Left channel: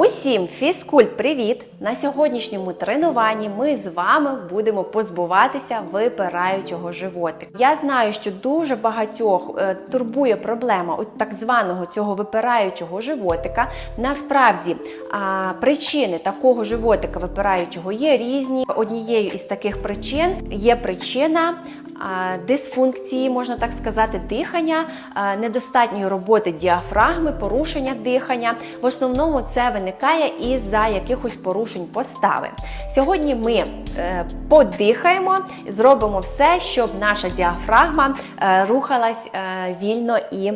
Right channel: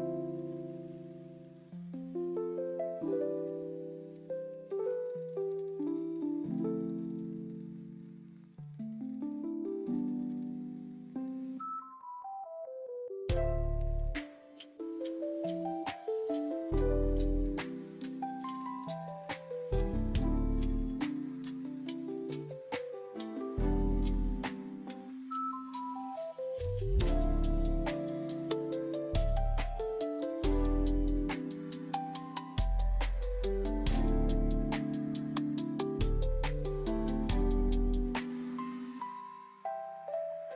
Усім фізкульт, привіт! На сьогоднішньому тренуванні ми з вами будемо позбуватися випираючого животика. Я знаю, що дуже багатьох е, турбує проблема от так званого цього випираючого животика. Насправді а, причини такого животика випираючого є різні. Однією із таких причин є причина. Дисфункції, можна так сказати, дихання, недостатньої роботи діафрагми, порушення дихання. В основному це виникає із-за якихось порушень постави. Сьогодні ми е, подихаємо, зробимо все, щоб наша діафрагма е, рухалась е, вільно і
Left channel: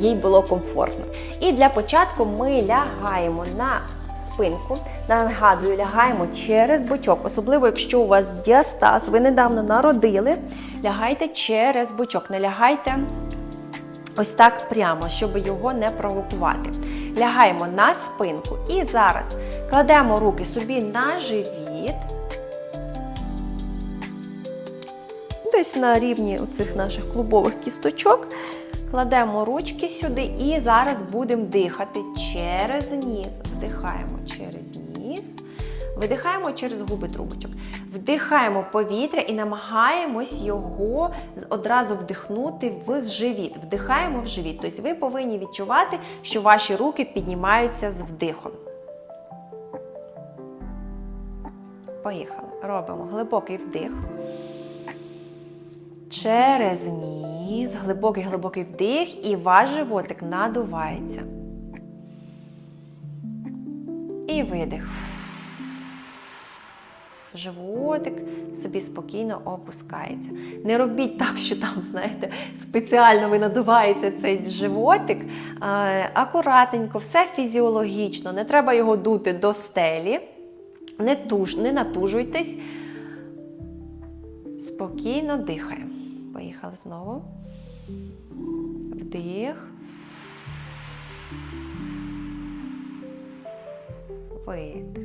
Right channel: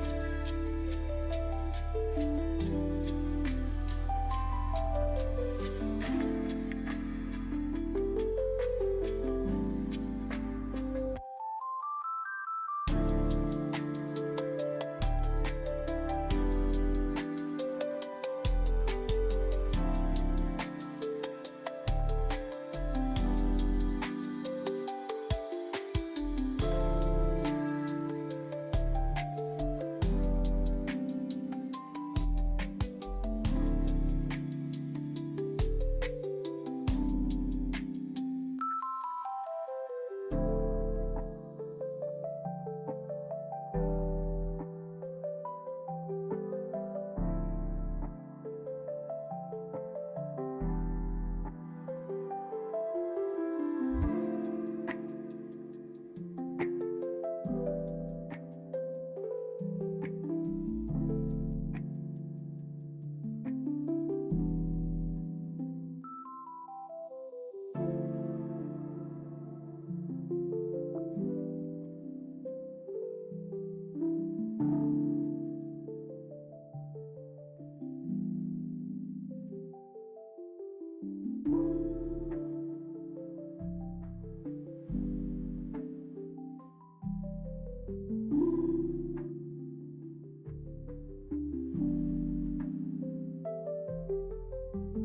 їй було комфортно. І для початку ми лягаємо на спинку. Нагадую, лягаємо через бочок, особливо якщо у вас діастаз, ви недавно народили, лягайте через бочок, не лягайте ось так прямо, щоб його не провокувати. Лягаємо на спинку і зараз кладемо руки собі на живіт. Десь на рівні цих наших клубових кісточок. Кладемо ручки сюди і зараз будемо дихати через ніс. Вдихаємо через ніс, видихаємо через губи трубочок. Вдихаємо повітря і намагаємось його одразу вдихнути в живіт. Вдихаємо в живіт. Тобто ви повинні відчувати, що ваші руки піднімаються з вдихом. Поїхали. Робимо глибокий вдих. Через ніс, глибокий глибокий вдих, і ваш животик надувається. І видих. Животик собі спокійно опускається. Не робіть так, що там, знаєте, спеціально ви надуваєте цей животик. Акуратненько, все фізіологічно, не треба його дути до стелі. Не, туж, не натужуйтесь. Спокійно дихаємо. Поїхали знову. Вдих. Видих.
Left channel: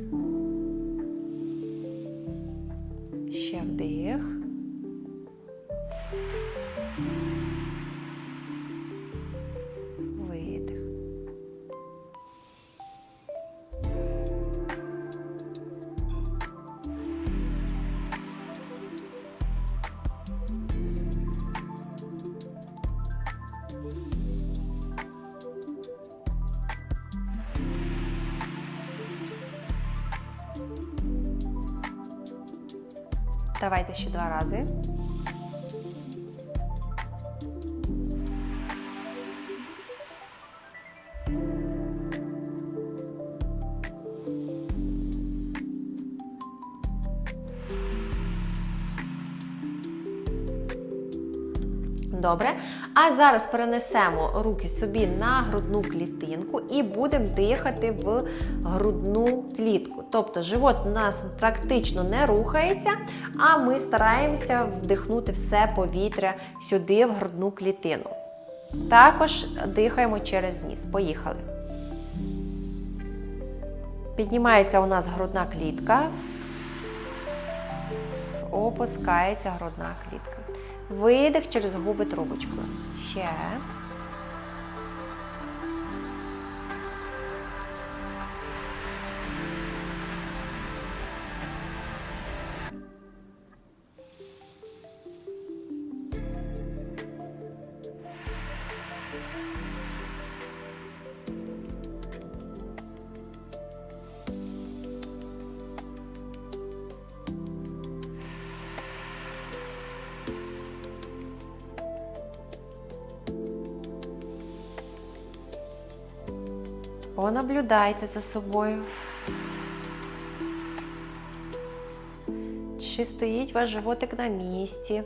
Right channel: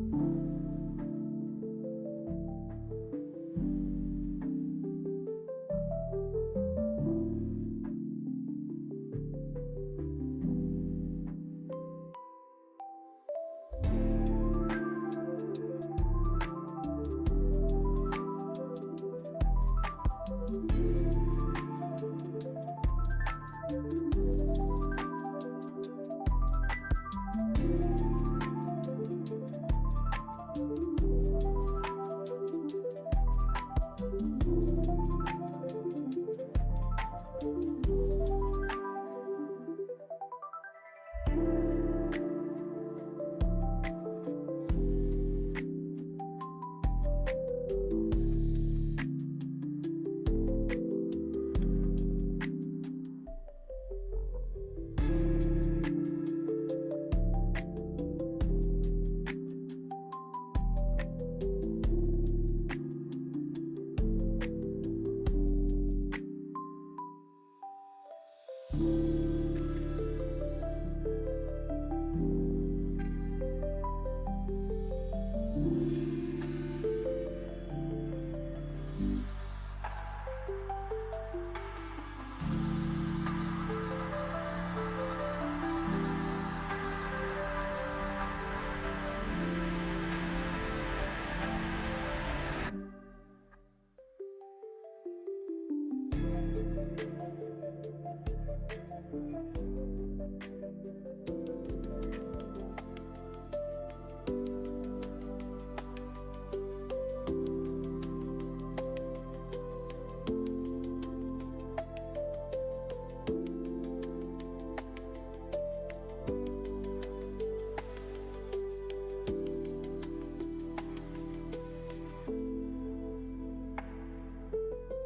Ще вдих. Давайте ще два рази. Добре. А зараз перенесемо руки собі на грудну клітинку і будемо дихати в грудну клітку. Тобто живот у нас практично не рухається, а ми стараємося вдихнути все повітря сюди, в грудну клітину. Також дихаємо через ніс. Поїхали. Піднімається у нас грудна клітка. Опускається грудна клітка. Видих через губи трубочкою. Ще. Понаблюдайте за собою. Чи стоїть ваш животик на місці?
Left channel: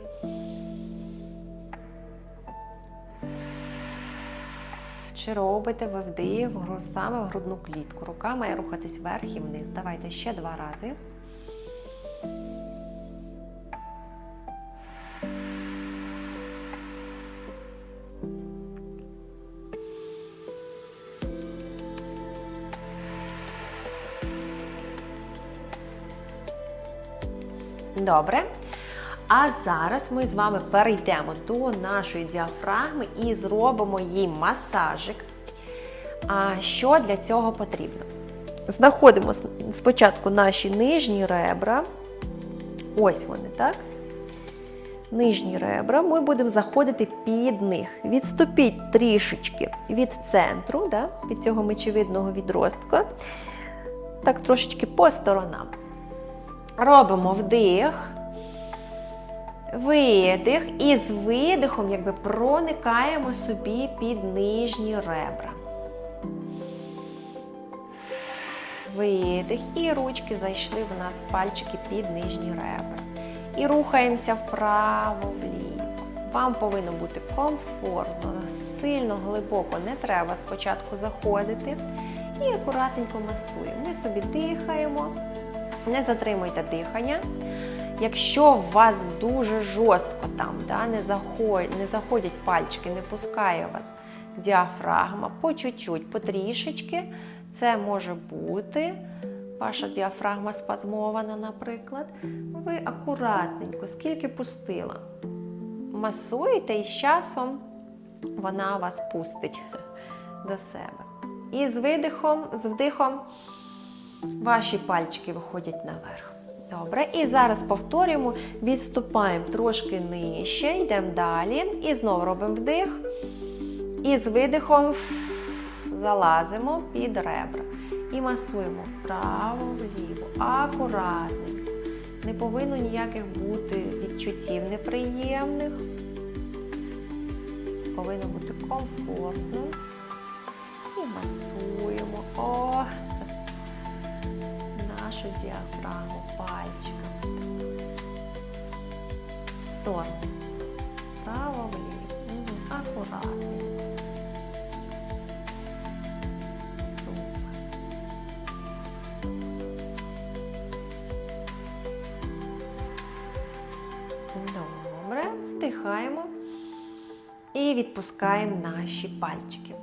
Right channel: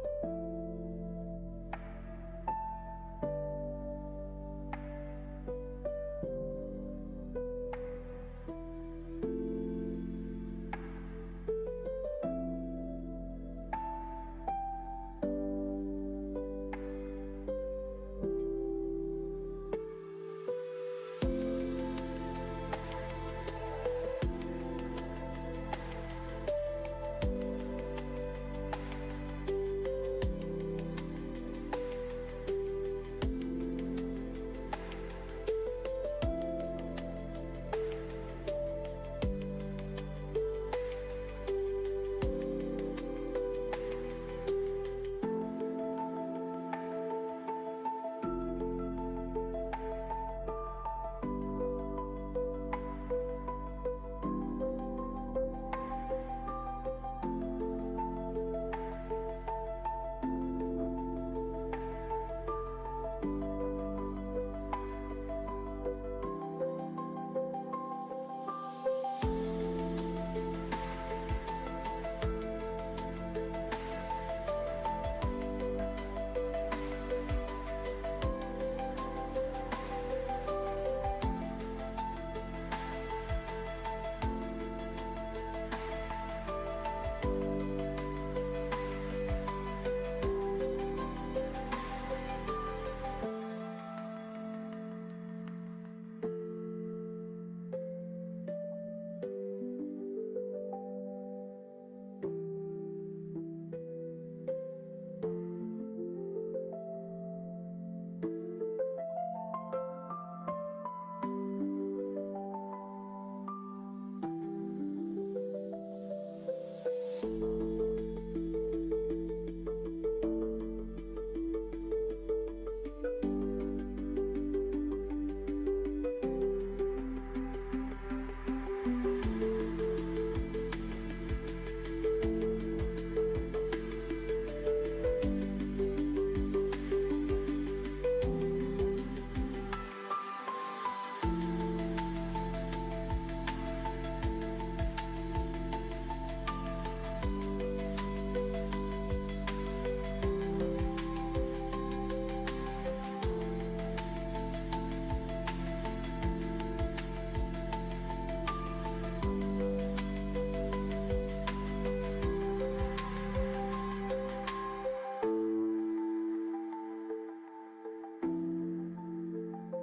Чи робите ви вдих саме в грудну клітку? Рука має рухатись вверх і вниз. Давайте ще два рази. Добре. А зараз ми з вами перейдемо до нашої діафрагми і зробимо їй масажик. А що для цього потрібно? знаходимо спочатку наші нижні ребра. Ось вони, так? Нижні ребра, ми будемо заходити під них. Відступіть трішечки від центру, да? від цього мечевидного відростка. Так, трошечки по сторонам. Робимо вдих, видих, і з видихом якби проникаємо собі під нижні ребра. Видих. І ручки зайшли в нас пальчики під нижні ребра. І рухаємося вправо, вліво. Вам повинно бути комфортно, сильно глибоко не треба спочатку заходити. І акуратненько масуємо. Ми собі дихаємо, не затримуйте дихання. Якщо у вас дуже жорстко там, да, не, заходять, не заходять пальчики, не пускає вас діафрагма, по чуть-чуть, потрішечки, це може бути. Ваша діафрагма спазмована, наприклад. Ви акуратненько, скільки пустила. Масуєте і з часом вона вас пустить до себе. І з видихом, з вдихом ваші пальчики виходять наверх. Добре, і зараз повторюємо, відступаємо трошки нижче, йдемо далі. І знову робимо вдих. І з видихом залазимо під ребра. І масуємо вправо, вліво, акуратненько. Не повинно ніяких бути відчуттів неприємних. Повинно бути комфортно. І масуємо. О! Нашу діафрагму пальчиками. В сторону. Право вліво. Супер. Добре. Вдихаємо і відпускаємо наші пальчики.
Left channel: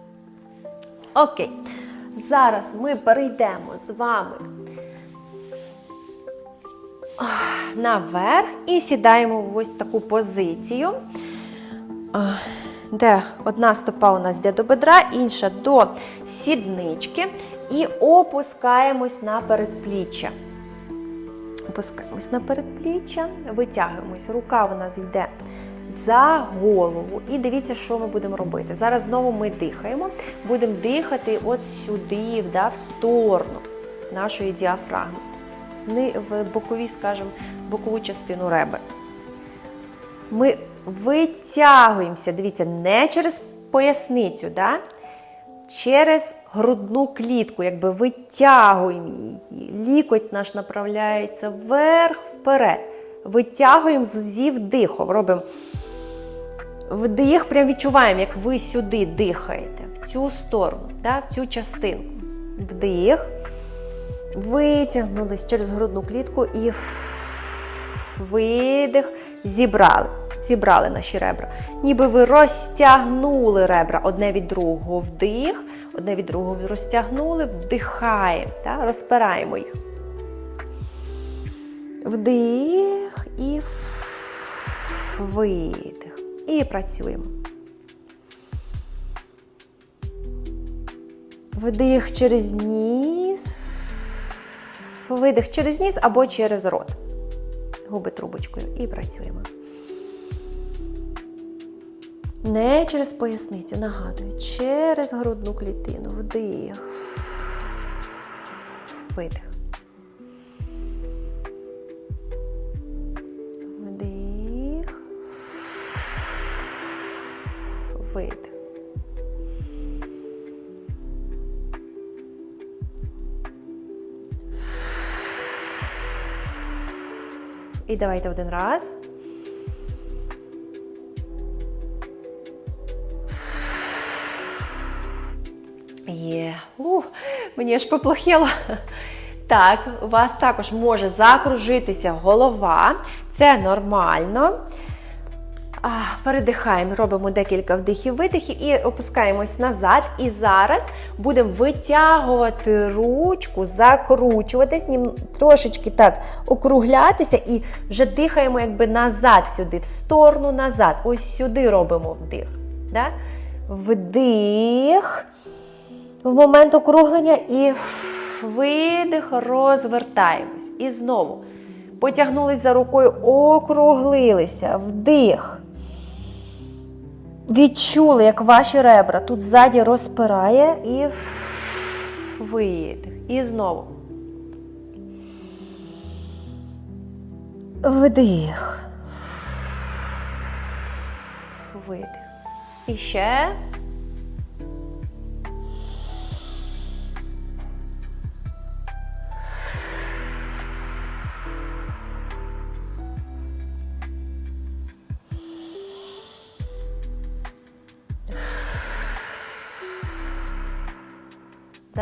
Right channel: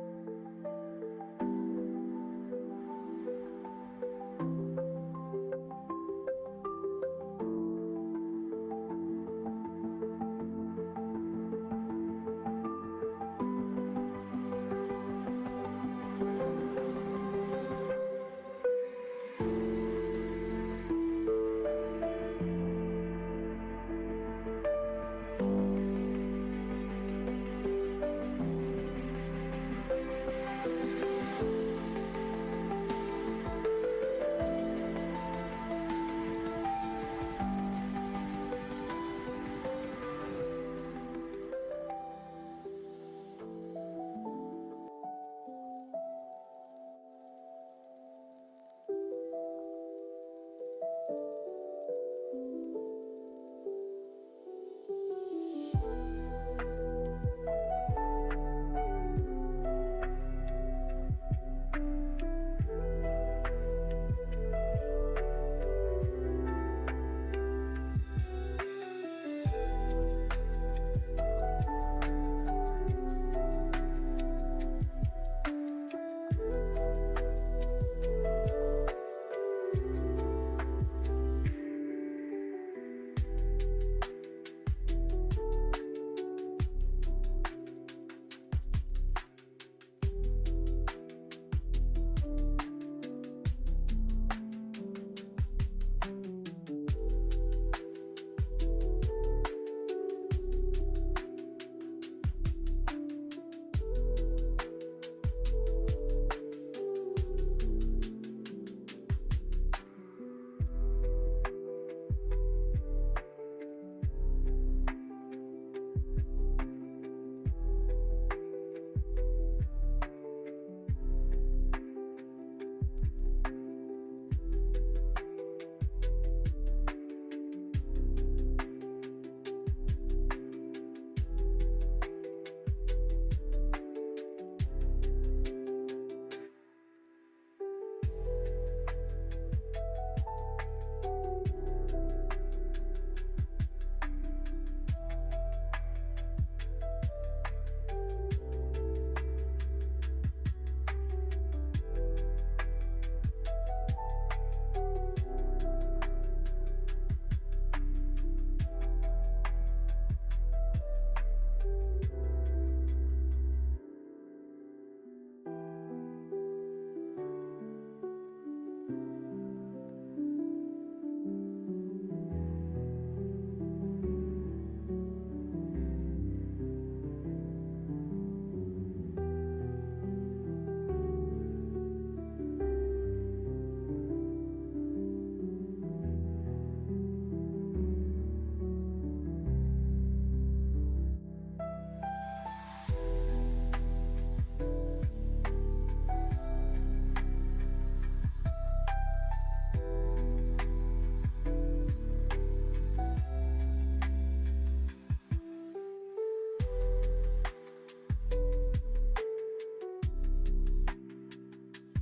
Окей. Зараз ми перейдемо з вами наверх і сідаємо в ось таку позицію, де одна стопа у нас йде до бедра, інша до сіднички, і опускаємось на передпліччя. Опускаємось на передпліччя, витягуємось. Рука у нас йде за голову. І дивіться, що ми будемо робити. Зараз знову ми дихаємо. Будемо дихати от сюди, да, в сторону нашої діафрагми. В бокові, скажімо, бокову частину ребер. Ми витягуємося, дивіться, не через поясницю, да? через грудну клітку, якби витягуємо її. Лікоть наш направляється вверх, вперед. Витягуємо зі вдихом. Робимо вдих, прям відчуваємо, як ви сюди дихаєте, в цю сторону, да? в цю частинку. Вдих. Витягнулись через грудну клітку і видих. Зібрали. Зібрали наші ребра. Ніби ви розтягнули ребра одне від другого. Вдих, одне від другого розтягнули, вдихаємо, та? розпираємо їх. Вдих і видих. І працюємо. Вдих через ніс. Видих через ніс або через рот. Губи трубочкою. І працюємо. Не через поясницю, нагадую, через грудну клітину. Вдих. Видих. І давайте один раз. Є. Ух, мені аж поплохіло. Так, у вас також може закружитися голова. Це нормально. Передихаємо, робимо декілька вдихів-видихів і опускаємось назад. І зараз будемо витягувати ручку, закручуватись, трошечки так округлятися і вже дихаємо якби назад сюди, в сторону назад. Ось сюди робимо вдих. Да? Вдих в момент округлення і Видих, розвертаємось. І знову. Потягнулись за рукою, округлилися. Вдих. Відчули, як ваші ребра тут ззаді розпирає і видих. І знову. Вдих. Видих. І ще.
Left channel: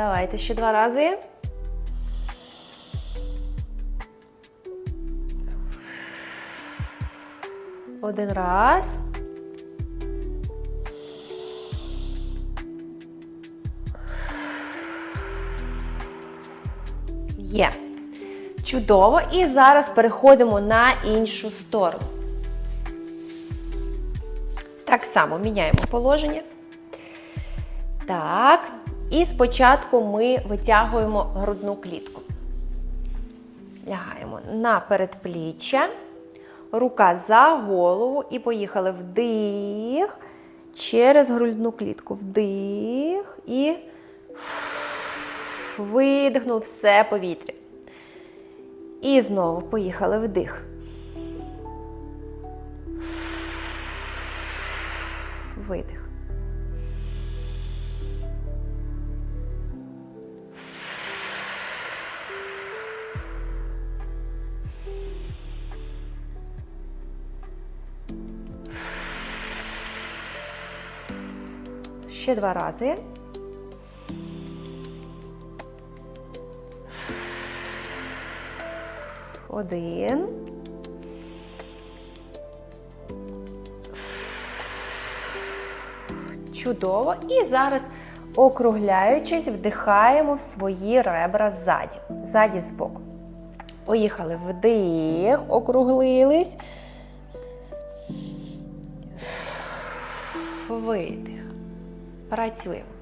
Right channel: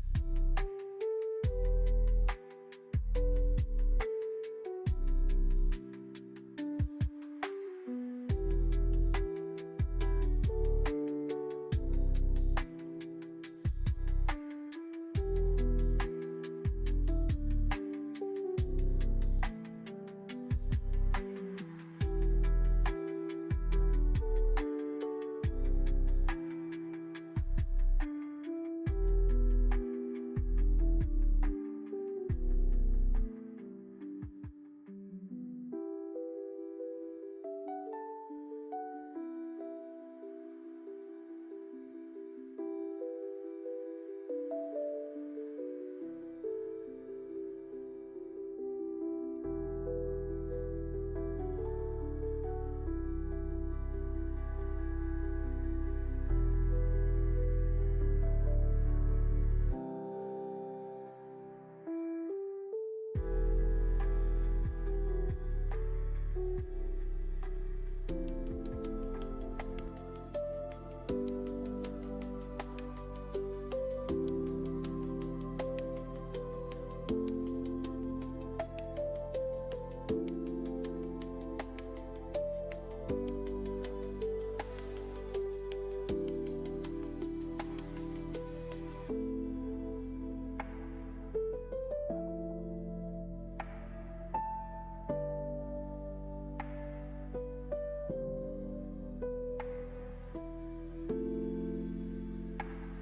Давайте ще два рази. Один раз. Є. Чудово. І зараз переходимо на іншу сторону. Так само міняємо положення. Так. І спочатку ми витягуємо грудну клітку. Лягаємо на передпліччя, рука за голову і поїхали вдих через грудну клітку. Вдих і видихнув все повітря. І знову поїхали вдих. Два рази. Один. Чудово. І зараз, округляючись, вдихаємо в свої ребра ззаді. Ззаді збоку. Поїхали вдих, округлились. Видих. Працюємо.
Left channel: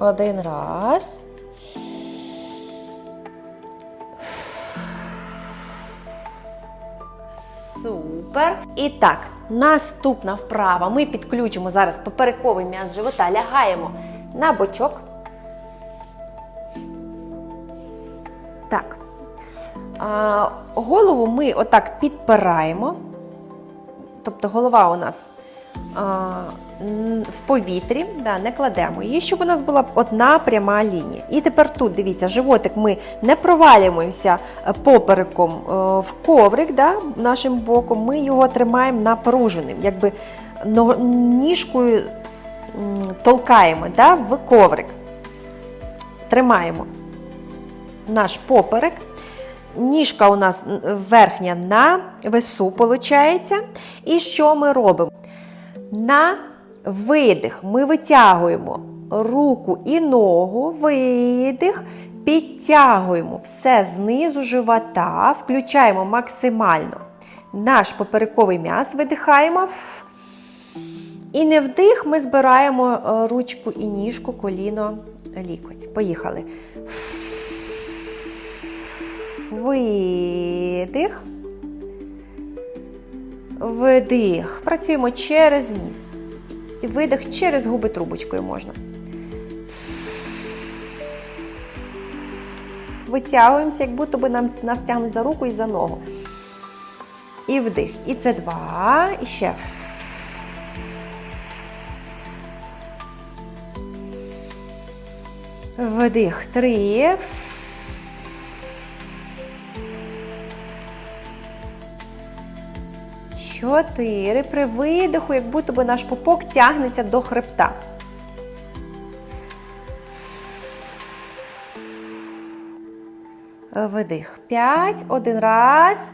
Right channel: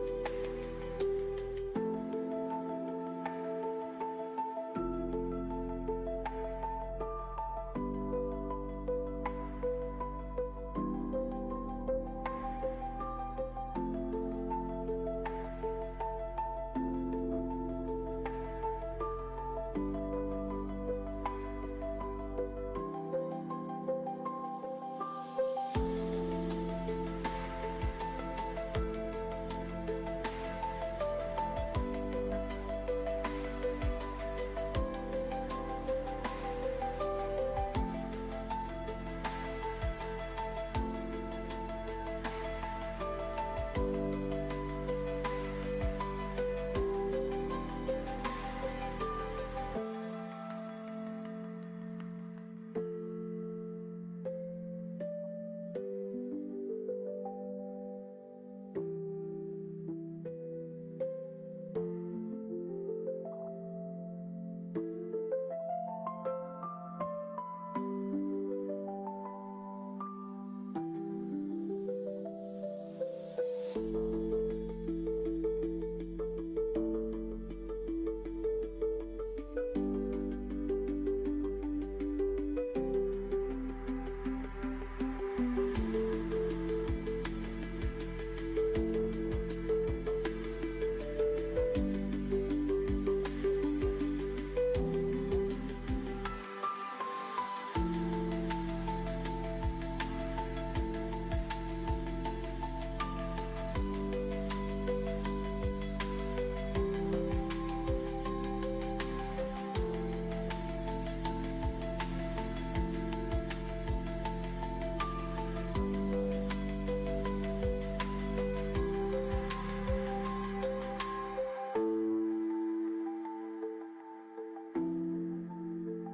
Один раз. Супер. І так, наступна вправа. Ми підключимо зараз поперековий м'яз живота, лягаємо на бочок. Так. А, голову ми отак підпираємо. Тобто голова у нас а, в повітрі, да, не кладемо її, щоб у нас була одна пряма лінія. І тепер тут, дивіться, животик ми не провалюємося е, попереком е, в коврик да, нашим боком, ми його тримаємо напруженим, якби ніжкою толкаємо да, в коврик. Тримаємо наш поперек. Ніжка у нас верхня на весу, виходить. І що ми робимо? На видих ми витягуємо руку і ногу, видих, підтягуємо все знизу живота, включаємо максимально наш поперековий м'яз, видихаємо. І не вдих, ми збираємо е, ручку і ніжку, коліно, лікоть. Поїхали. Видих. Вдих. Працюємо через ніс. Видих через губи трубочкою можна. Витягуємося, як будто би нам нас тягнуть за руку і за ногу. І вдих. І це два. І ще. Вдих. Три. Чотири. При видиху, як будто би наш пупок тягнеться до хребта. Видих. П'ять. Один раз.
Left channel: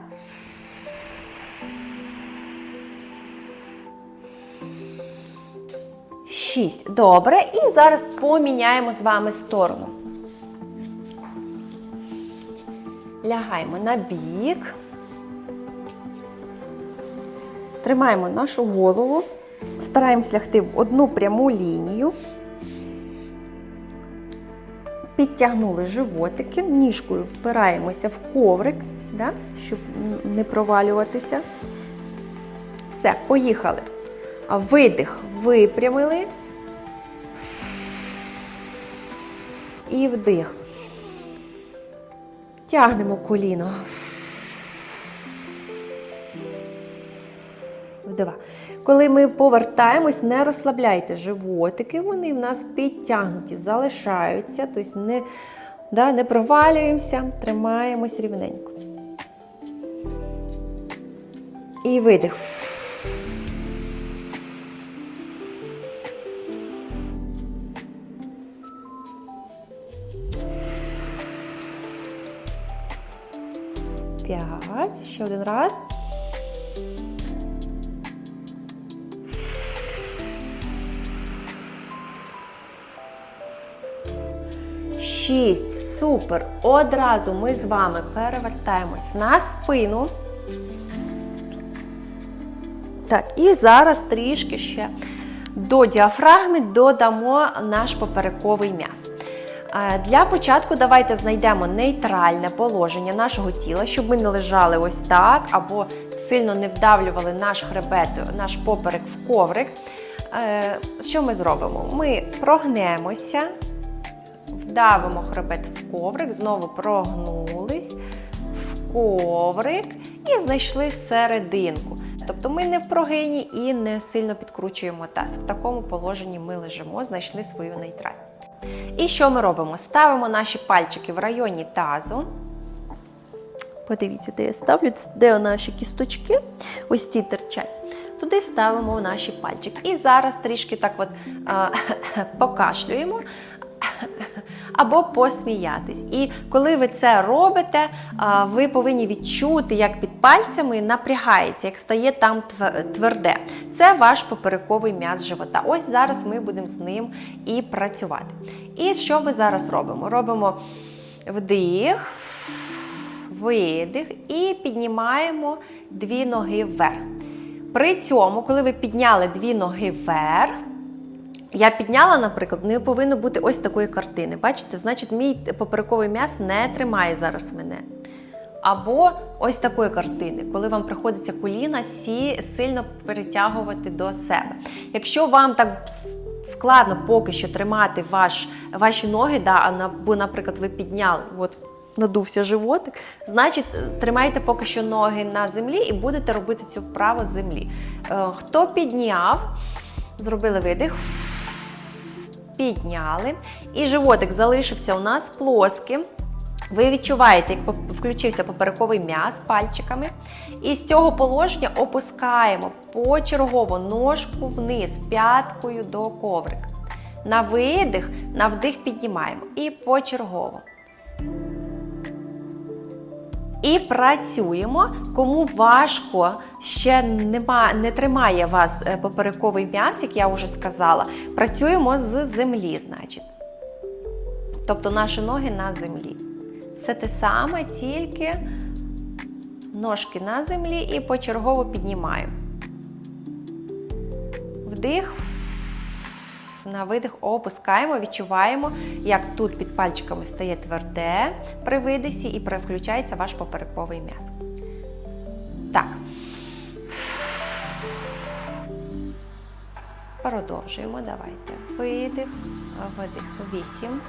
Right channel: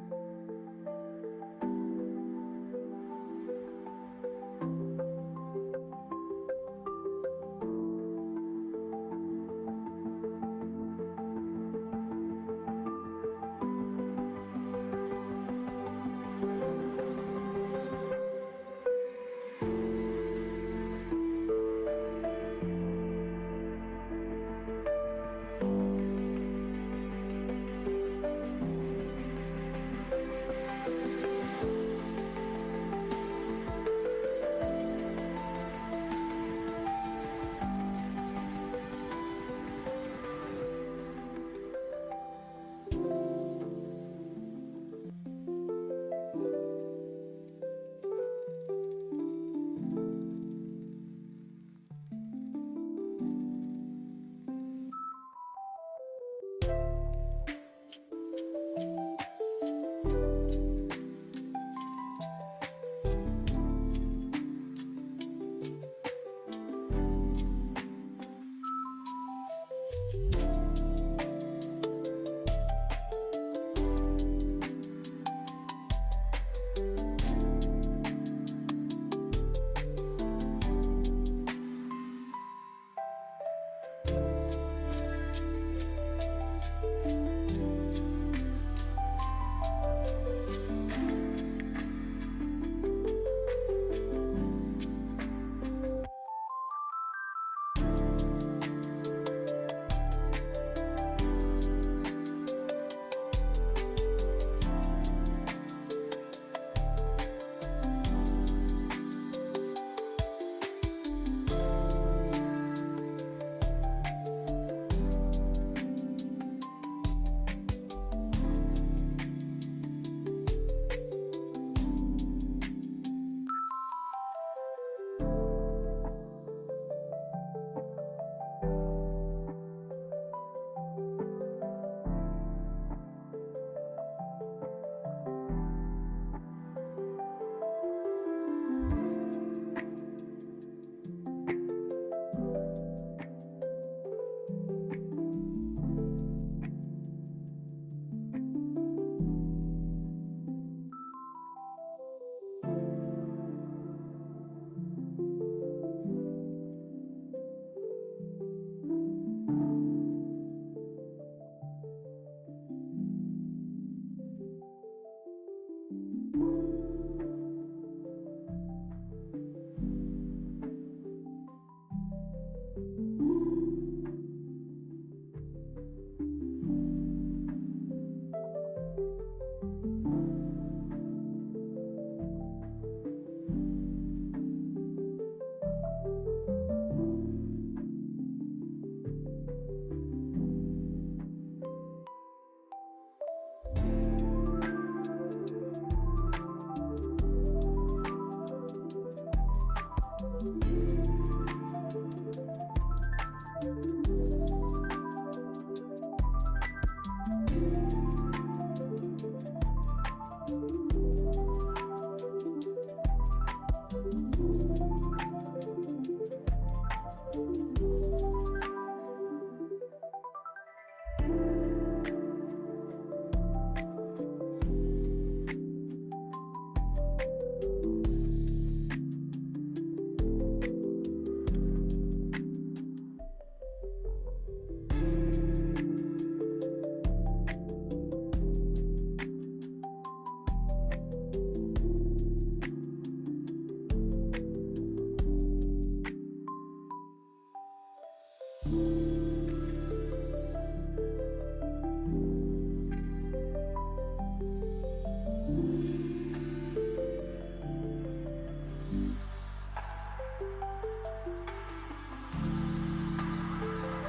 Шість. Добре. І зараз поміняємо з вами сторону. Лягаємо на бік. Тримаємо нашу голову. Стараємось лягти в одну пряму лінію. Підтягнули животики, ніжкою впираємося в коврик, да, щоб не провалюватися. Все, поїхали. Видих, випрямили. І вдих. Тягнемо коліно. Два. Коли ми повертаємось, не розслабляйте животики, вони в нас підтягнуті, залишаються, тобто не, да, не провалюємося, тримаємось рівненько. І видих. 6. Супер. Одразу ми з вами перевертаємось на спину. Так, і зараз трішки ще до діафрагми додамо наш поперековий м'яз. Е, для початку давайте знайдемо нейтральне положення нашого тіла, щоб ми не лежали ось так, або сильно не вдавлювали наш хребет, наш поперек в коврик. Е, що ми зробимо? Ми прогнемося вдавимо хребет в коврик, знову прогнулись в коврик і знайшли серединку. Тобто ми не в прогині і не сильно підкручуємо таз. В такому положенні ми лежимо, знайшли свою нейтраль. І що ми робимо? Ставимо наші пальчики в районі тазу. Подивіться, де я ставлю, де наші кісточки, ось ці терчать. Туди ставимо наші пальчики. І зараз трішки так от а, покашлюємо або посміятись. І коли ви це робите, ви повинні відчути, як під пальцями напрягається, як стає там тверде. Це ваш поперековий м'яз живота. Ось зараз ми будемо з ним і працювати. І що ми зараз робимо? Робимо вдих, видих і піднімаємо дві ноги вверх. При цьому, коли ви підняли дві ноги вверх, я підняла, наприклад, не повинно бути ось такої картини. Бачите, значить, мій поперековий м'яз не тримає зараз мене. Або ось такої картини, коли вам приходиться коліна сі сильно перетягувати до себе. Якщо вам так складно поки що тримати ваш, ваші ноги, да, а на- бо, наприклад, ви підняли, от надувся животик, значить, тримайте поки що ноги на землі і будете робити цю вправу з землі. Е, Хто підняв, зробили видих, підняли, і животик залишився у нас плоским. Ви відчуваєте, як включився поперековий м'яз пальчиками. І з цього положення опускаємо почергово ножку вниз, п'яткою до коврика. На видих, на вдих піднімаємо. І почергово. І працюємо. Кому важко ще нема, не тримає вас е, поперековий м'яз, як я вже сказала, працюємо з землі, значить. Тобто наші ноги на землі. Все те саме, тільки ножки на землі і почергово піднімаємо. Вдих. На видих опускаємо, відчуваємо, як тут під пальчиками стає тверде при видисі і переключається ваш поперековий м'яз. Так. Продовжуємо. Давайте. Видих, видих. Вісім.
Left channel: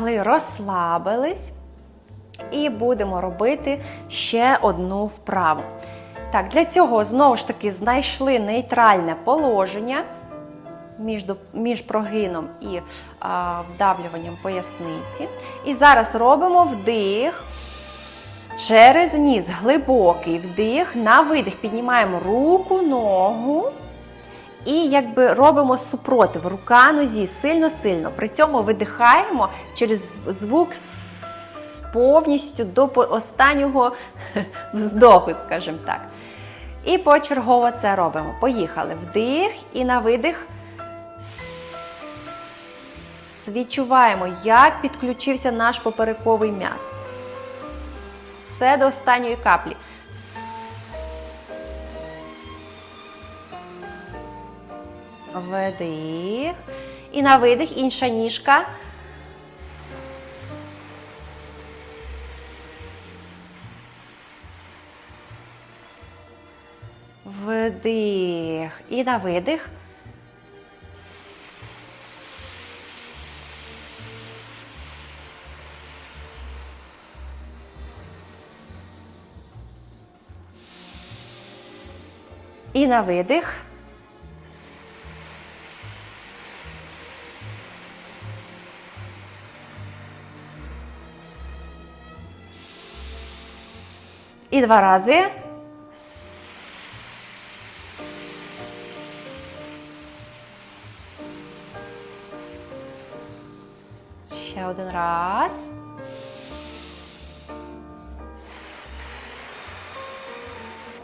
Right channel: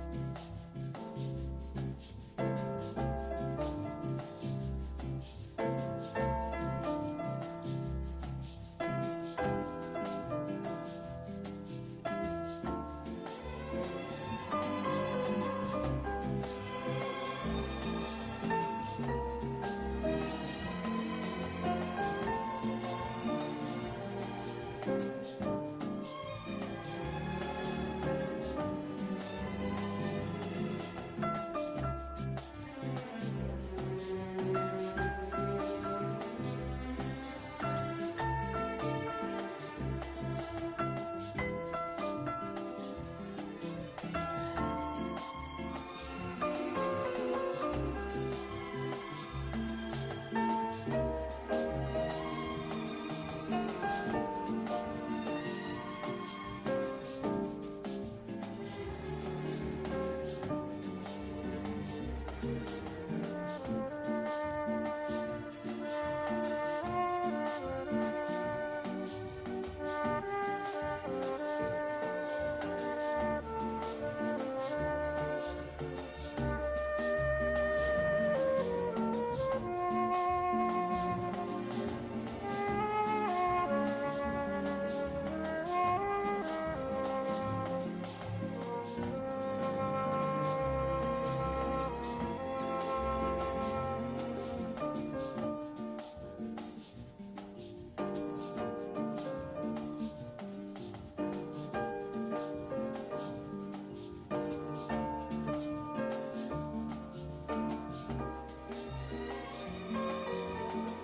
Лягли, розслабились. І будемо робити ще одну вправу. Так, для цього знову ж таки знайшли нейтральне положення між, між прогином і а, вдавлюванням поясниці. І зараз робимо вдих. Через ніс глибокий вдих, на видих піднімаємо руку, ногу і якби робимо супротив, рука нозі сильно-сильно. При цьому видихаємо через звук повністю до останнього вздоху, скажімо так. І почергово це робимо. Поїхали. Вдих і на видих. Відчуваємо, як підключився наш поперековий м'яз. Все до останньої каплі. Вдих. І на видих інша ніжка. Вдих. І на видих. І на видих. Два рази. Ще один раз.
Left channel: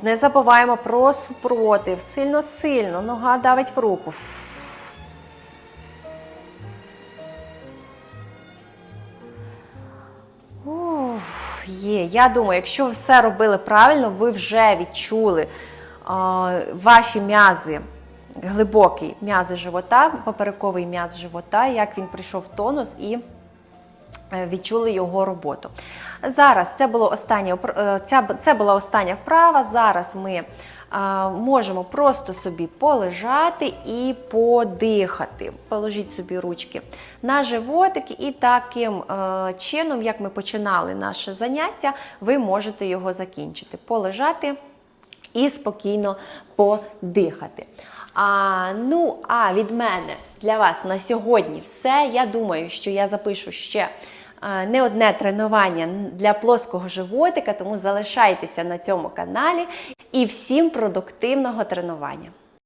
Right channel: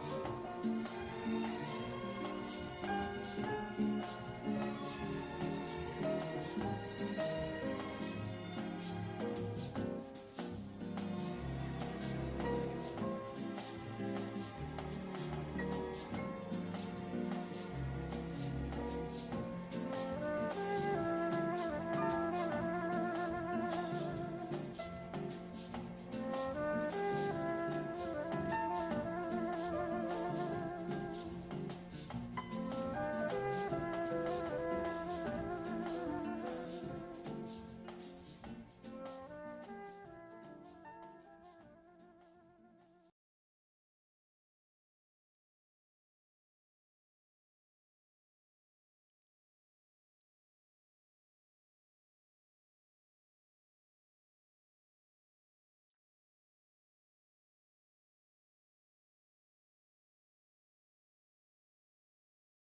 Не забуваємо про супротив. Сильно-сильно. Нога давить в руку. Я думаю, якщо ви все робили правильно, ви вже відчули а, ваші м'язи, глибокі м'язи живота, поперековий м'яз живота, як він прийшов в тонус і е, відчули його роботу. Зараз це було останнє, опр- е, це була остання вправа. Зараз ми можемо просто собі полежати і подихати. Положіть собі ручки на животик, і таким е, чином, як ми починали наше заняття, ви можете його закінчити. Полежати і спокійно подихати. А, ну, а від мене для вас на сьогодні все. Я думаю, що я запишу ще е, не одне тренування для плоского животика, тому залишайтеся на цьому каналі і всім продуктивного тренування.